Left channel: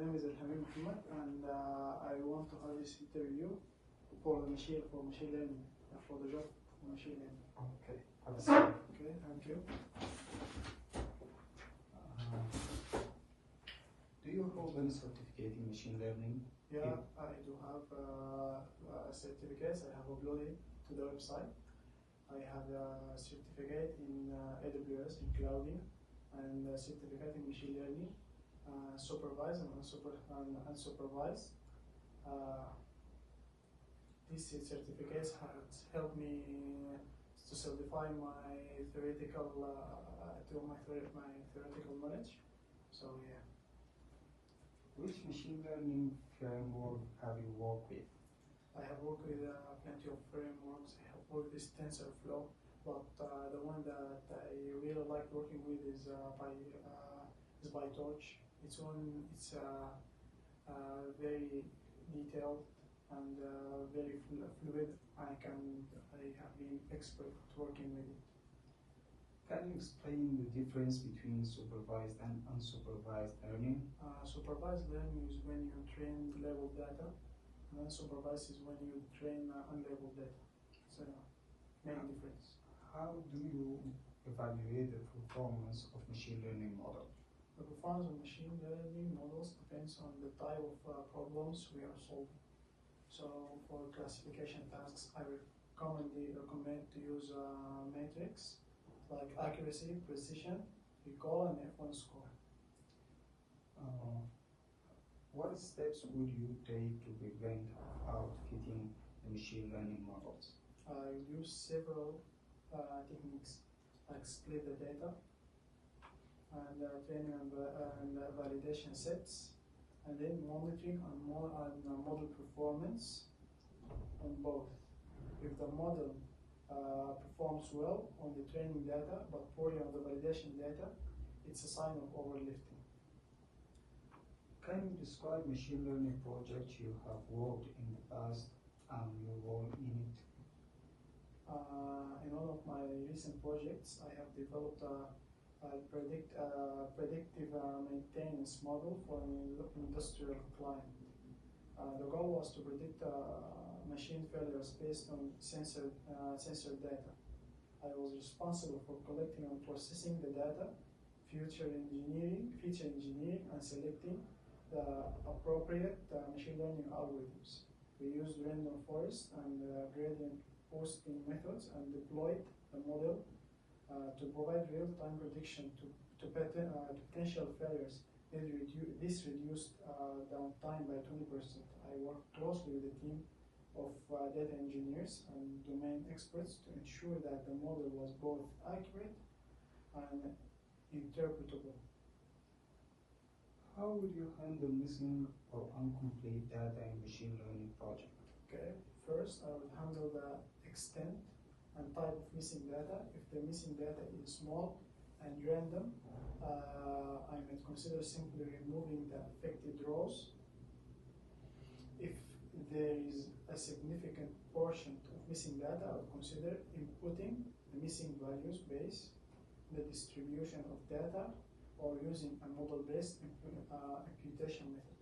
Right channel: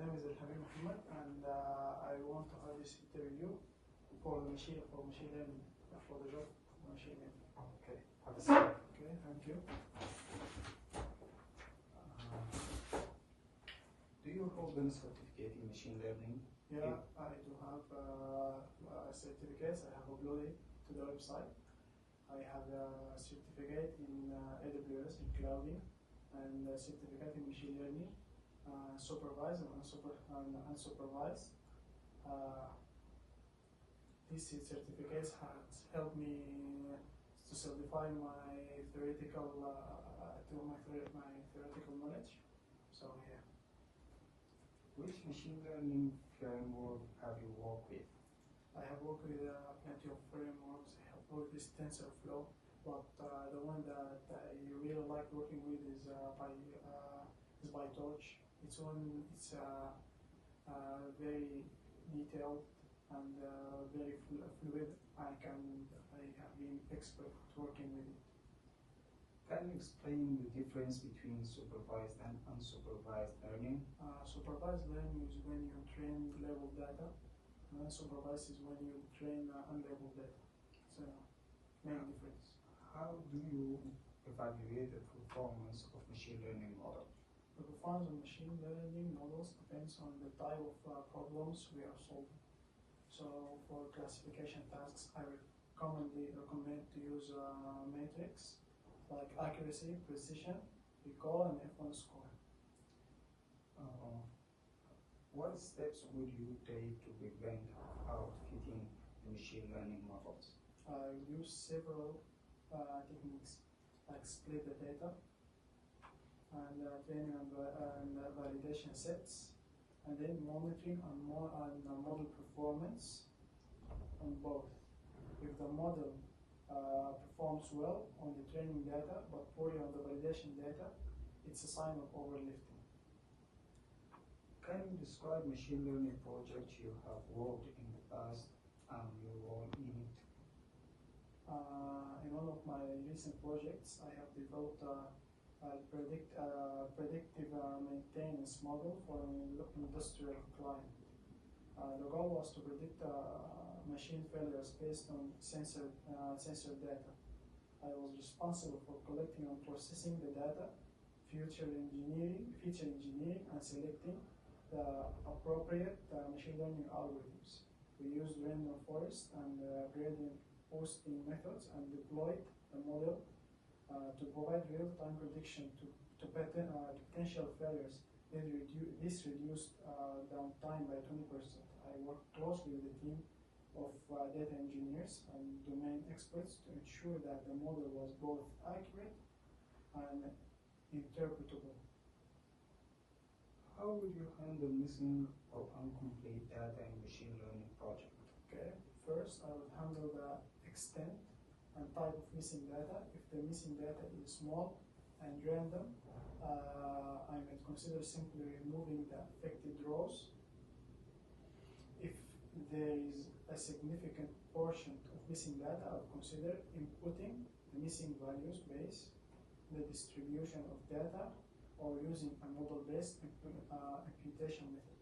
name is Al-Hamid Muhammad, and I want to have this interview for machine learning, for the job of machine learning. Okay, have a seat. Okay, thank you. Do you hold any certificate in machine learning? Yeah, I do have certificates. I have uploaded to the website. I have a certificate in AWS in clouding, and a certificate in machine learning, supervised and unsupervised. These certificates have helped me to solidify my theoretical knowledge. So yeah. Which machine learning framework have you worked with? I have worked with plenty of frameworks. I have worked with TensorFlow, but the one that I really like working with is PyTorch. It's very detailed and very fluid. I have been expert working with it. Can you explain the difference between supervised and unsupervised learning? Supervised learning is when you train labeled data, and unsupervised is when you train unlabeled data. So, main difference. How do you evaluate the performance of machine learning model? The performance of machine learning models depends on the type of problems we are solving. So, for classification tasks, I would commonly recommend to use metrics like accuracy, precision, recall, and F1 score. What steps would you take to prevent outfitting the machine learning models? I use several techniques like split the data and training and validation sets, and then monitoring on model performance on both. If the model performs well on the training data but poorly on the validation data, it's a sign of overlifting. Can you describe machine learning projects you have worked in the past and your role in it? In one of my recent projects, I have developed a predictive maintenance model for an industrial client. The goal was to predict machine failures based on sensor data. I was responsible for collecting and processing the data, feature engineering, and selecting the appropriate machine learning algorithms. We used random forest and gradient boosting methods and deployed the model to provide real-time prediction to potential failures. This reduced downtime by 20%. I worked closely with a team of data engineers and domain experts to ensure that the model was both accurate and interpretable. How would you handle missing or incomplete data in machine learning project? Okay, first I would handle the extent and type of missing data. If the missing data is small and random, I might consider simply removing the affected rows. If there is a significant portion of missing data, I would consider inputting the missing values based on the distribution of data or using a model-based imputation method.